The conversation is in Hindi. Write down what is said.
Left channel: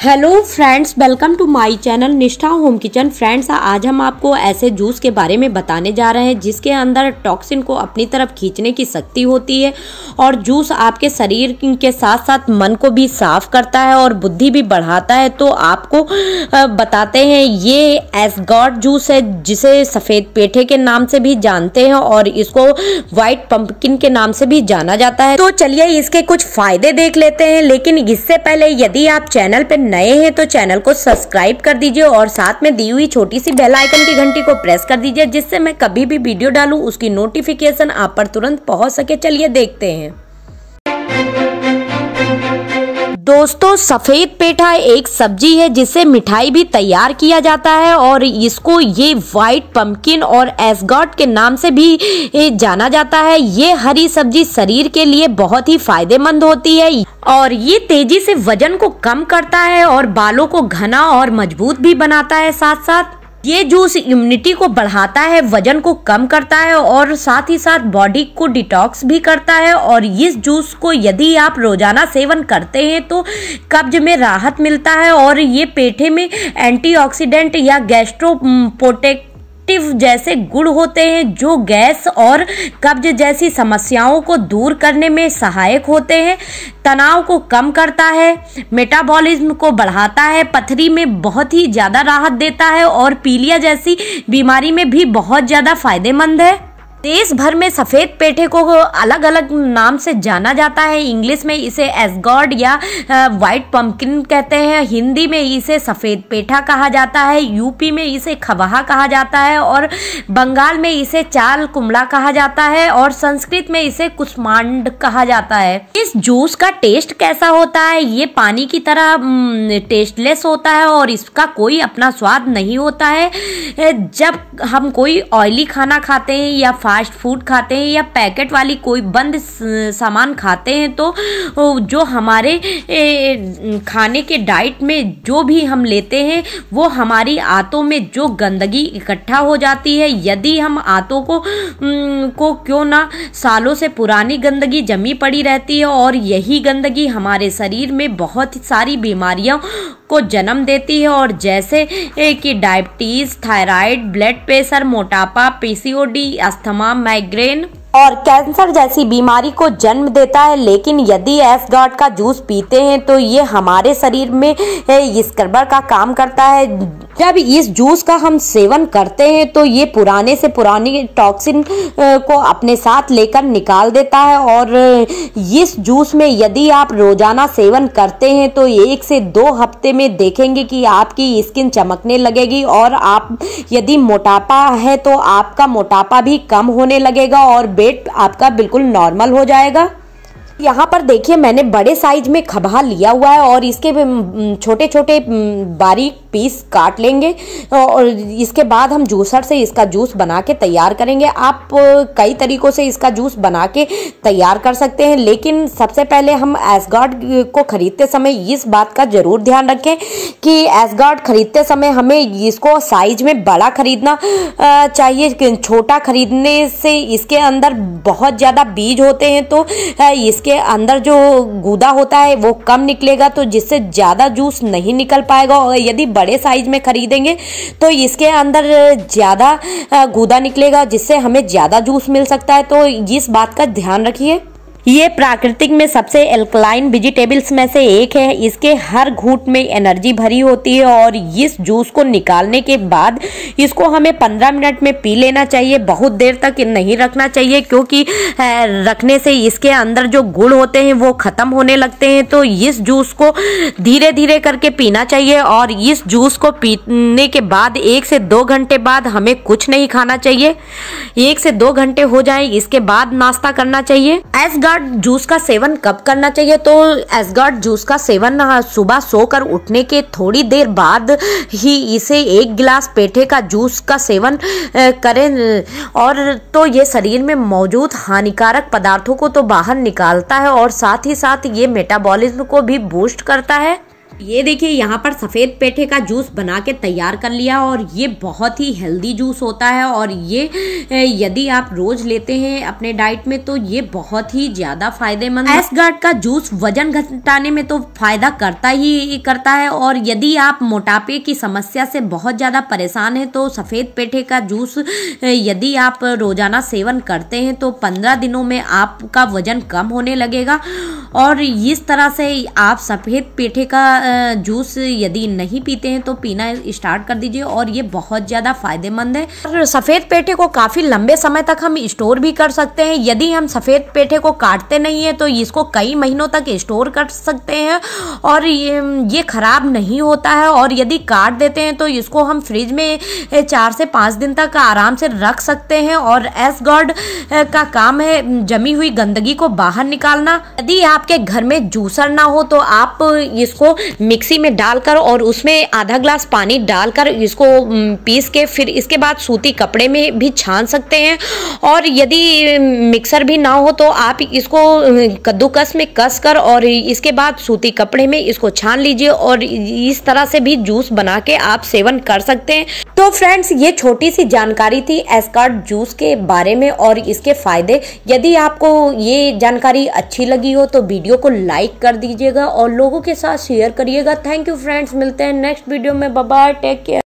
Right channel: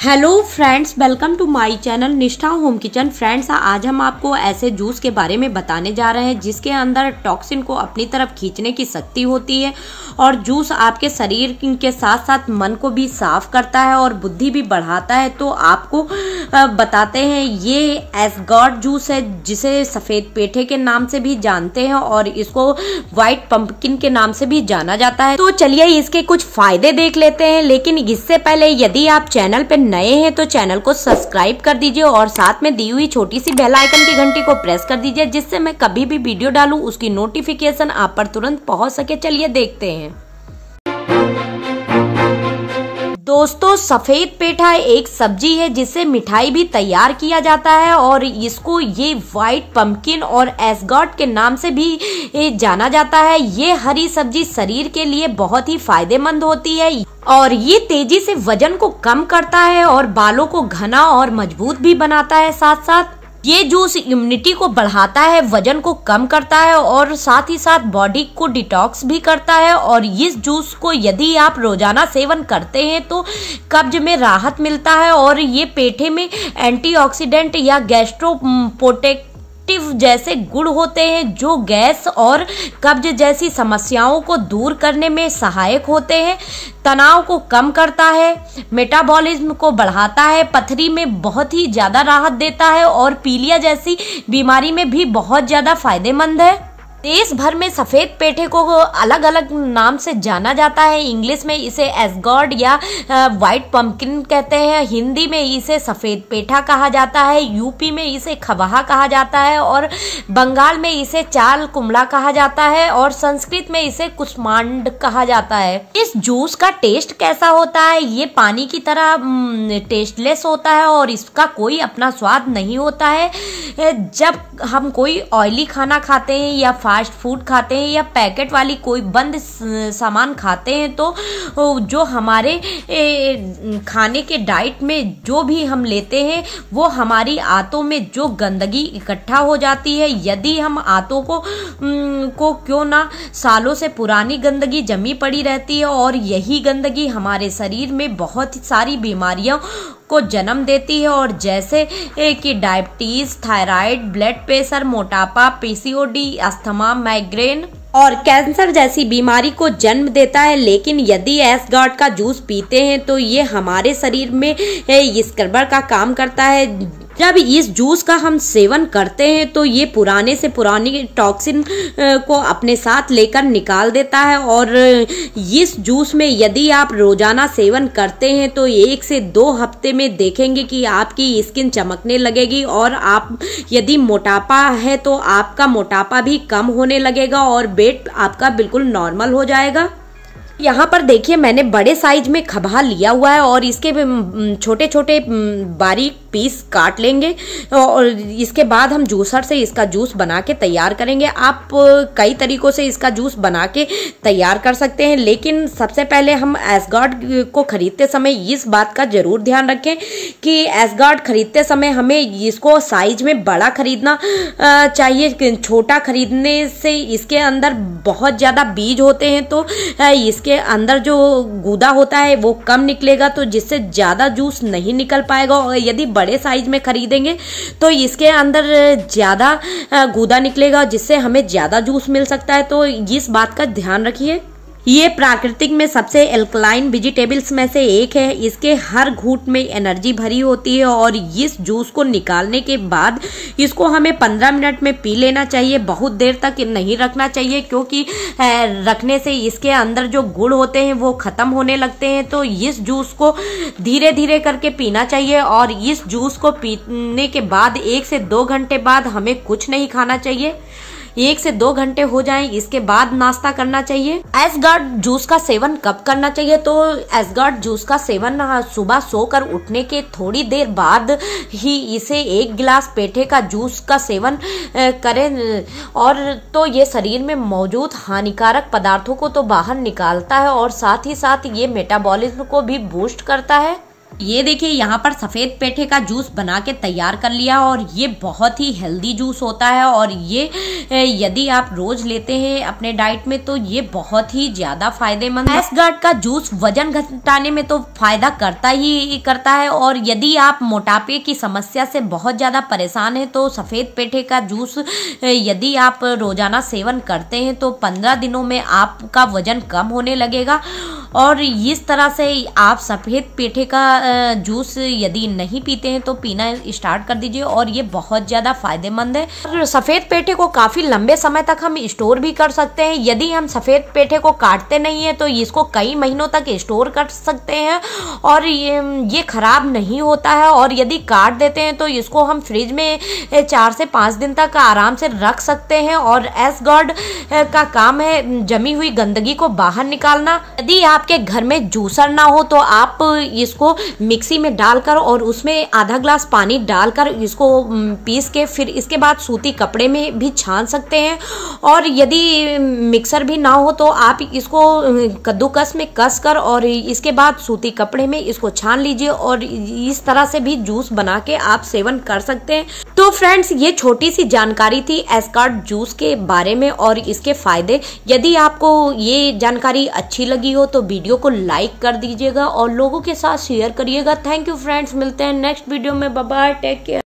Hello friends, welcome to my channel Nishtha home kitchen. Friends, आज हम आपको ऐसे जूस के बारे में बताने जा रहे हैं जिसके अंदर टॉक्सिन को अपनी तरफ खींचने की शक्ति होती है और जूस आपके शरीर के साथ साथ मन को भी साफ करता है और बुद्धि भी बढ़ाता है। तो आपको बताते हैं, ये एसगॉड जूस है जिसे सफेद पेठे के नाम से भी जानते हैं और इसको व्हाइट पंपकिन के नाम से भी जाना जाता है। तो चलिए इसके कुछ फायदे देख लेते हैं, लेकिन इससे पहले यदि आप चैनल पे नए हैं तो चैनल को सब्सक्राइब कर दीजिए और साथ में दी हुई छोटी सी बेल आइकन की घंटी को प्रेस कर दीजिए, जिससे मैं कभी भी वीडियो डालूं उसकी नोटिफिकेशन आप पर तुरंत पहुंच सके। चलिए देखते हैं। दोस्तों, सफेद पेठा एक सब्जी है जिससे मिठाई भी तैयार किया जाता है और इसको ये व्हाइट पंपकिन और एसगॉड के नाम से भी जाना जाता है। ये हरी सब्जी शरीर के लिए बहुत ही फायदेमंद होती है और ये तेजी से वजन को कम करता है और बालों को घना और मजबूत भी बनाता है। साथ साथ ये जूस इम्यूनिटी को बढ़ाता है, वजन को कम करता है और साथ ही साथ बॉडी को डिटॉक्स भी करता है। और इस जूस को यदि आप रोजाना सेवन करते हैं तो कब्ज में राहत मिलता है और ये पेठे में एंटीऑक्सीडेंट या गैस्ट्रोप्रोटेक्टिव जैसे गुण होते हैं जो गैस और कब्ज जैसी समस्याओं को दूर करने में सहायक होते हैं। तनाव को कम करता है, मेटाबॉलिज्म को बढ़ाता है, पथरी में बहुत ही ज्यादा राहत देता है और पीलिया जैसी बीमारी में भी बहुत ज्यादा फायदेमंद है। देश भर में सफेद पेठे को अलग अलग नाम से जाना जाता है। इंग्लिश में इसे एसगॉड या व्हाइट पंपकिन कहते हैं, हिंदी में इसे सफेद पेठा कहा जाता है, यूपी में इसे खबहा कहा जाता है और बंगाल में इसे चाल कुमड़ा कहा जाता है और संस्कृत में इसे कुष्मांड कहा जाता है। इस जूस का टेस्ट कैसा होता है? ये पानी की तरह टेस्टलेस होता है और इसका कोई अपना स्वाद नहीं होता है। जब हम कोई ऑयली खाना खाते हैं या फास्ट फूड खाते हैं या पैकेट वाली कोई बंद सामान खाते हैं तो जो हमारे खाने के डाइट में जो भी हम लेते हैं वो हमारी आंतों में जो गंदगी इकट्ठा हो जाती है। यदि हम आंतों को क्यों ना सालों से पुरानी गंदगी जमी पड़ी रहती है और यही गंदगी हमारे शरीर में बहुत सारी बीमारियों को जन्म देती है और जैसे कि डायबिटीज, थायराइड, ब्लड प्रेशर, मोटापा, पीसीओडी, अस्थमा, माइग्रेन और कैंसर जैसी बीमारी को जन्म देता है। लेकिन यदि एसगॉड का जूस पीते हैं तो ये हमारे शरीर में स्क्रबर का काम करता है। जब इस जूस का हम सेवन करते हैं तो ये पुराने से पुरानी टॉक्सिन को अपने साथ लेकर निकाल देता है और इस जूस में यदि आप रोजाना सेवन करते हैं तो 1 से 2 हफ्ते में देखेंगे कि आपकी स्किन चमकने लगेगी और आप यदि मोटापा है तो आपका मोटापा भी कम होने लगेगा और वेट आपका बिल्कुल नॉर्मल हो जाएगा। यहाँ पर देखिए, मैंने बड़े साइज में खबहा लिया हुआ है और इसके छोटे छोटे बारीक पीस काट लेंगे और इसके बाद हम जूसर से इसका जूस बना के तैयार करेंगे। आप कई तरीकों से इसका जूस बना के तैयार कर सकते हैं, लेकिन सबसे पहले हम एसगॉड को खरीदते समय इस बात का जरूर ध्यान रखें कि एसगॉड खरीदते समय हमें इसको साइज में बड़ा खरीदना चाहिए। छोटा खरीदने से इसके अंदर बहुत ज्यादा बीज होते हैं तो इसके अंदर जो गूदा होता है वो कम निकलेगा, तो जिससे ज्यादा जूस नहीं निकल पाएगा। और यदि बड़े साइज में खरीदेंगे तो इसके अंदर ज्यादा गूदा निकलेगा जिससे हमें ज्यादा जूस मिल सकता है। तो इस बात का ध्यान रखिए। ये प्राकृतिक में सबसे एल्कलाइन वेजिटेबल्स में से एक है। इसके हर घूंट में एनर्जी भरी होती है और इस जूस को निकालने के बाद इसको हमें 15 मिनट में पी लेना चाहिए। बहुत देर तक नहीं रखना चाहिए क्योंकि रखने से इसके अंदर जो गुण होते हैं वो खत्म होने लगते हैं। तो इस जूस को धीरे धीरे करके पीना चाहिए और इस जूस को पीने के बाद 1 से 2 घंटे बाद हमें कुछ नहीं खाना चाहिए। 1 से 2 घंटे हो जाए इसके बाद नाश्ता करना चाहिए। एसगॉड जूस का सेवन कब करना चाहिए? तो एसगॉड जूस का सेवन सुबह सोकर उठने के थोड़ी देर बाद ही इसे 1 गिलास पेठे का जूस का सेवन करें और तो ये शरीर में मौजूद हानिकारक पदार्थों को तो बाहर निकालता है और साथ ही साथ ये मेटाबॉलिज्म को भी बूस्ट करता है। ये देखिए यहाँ पर सफेद पेठे का जूस बना के तैयार कर लिया और ये बहुत ही हेल्दी जूस होता है और ये यदि आप रोज लेते हैं अपने डाइट में तो ये बहुत ही ज्यादा फायदेमंद है। एसगार्ड का जूस वजन घटाने में तो फायदा करता ही करता है और यदि आप मोटापे की समस्या से बहुत ज्यादा परेशान है तो सफेद पेठे का जूस यदि आप रोजाना सेवन करते हैं तो 15 दिनों में आपका वजन कम होने लगेगा। और इस तरह से आप सफेद पेठे का जूस यदि नहीं पीते हैं तो पीना स्टार्ट कर दीजिए और ये बहुत ज्यादा फायदेमंद है। और सफेद पेठे को काफी लंबे समय तक हम स्टोर भी कर सकते हैं। यदि हम सफेद पेठे को काटते नहीं है तो इसको कई महीनों तक स्टोर कर सकते हैं और ये खराब नहीं होता है। और यदि काट देते हैं तो इसको हम फ्रिज में 4 से 5 दिन तक आराम से रख सकते हैं। और एसगार्ड का काम है जमी हुई गंदगी को बाहर निकालना। यदि आपके घर में जूसर ना हो तो आप इसको मिक्सी में डालकर और उसमें आधा ग्लास पानी डालकर इसको पीस के फिर इसके बाद सूती कपड़े में भी छान सकते हैं। और यदि मिक्सर भी ना हो तो आप इसको कद्दूकस में कस कर और इसके बाद सूती कपड़े में इसको छान लीजिए और इस तरह से भी जूस बना के आप सेवन कर सकते हैं। तो फ्रेंड्स ये छोटी सी जानकारी थी एसगार्ड जूस के बारे में और इसके फायदे। यदि आपको ये जानकारी अच्छी लगी हो तो वीडियो को लाइक कर दीजिएगा और लोगों के साथ शेयर करिएगा। थैंक यू फ्रेंड्स, मिलते हैं नेक्स्ट वीडियो में। Bye bye, take care.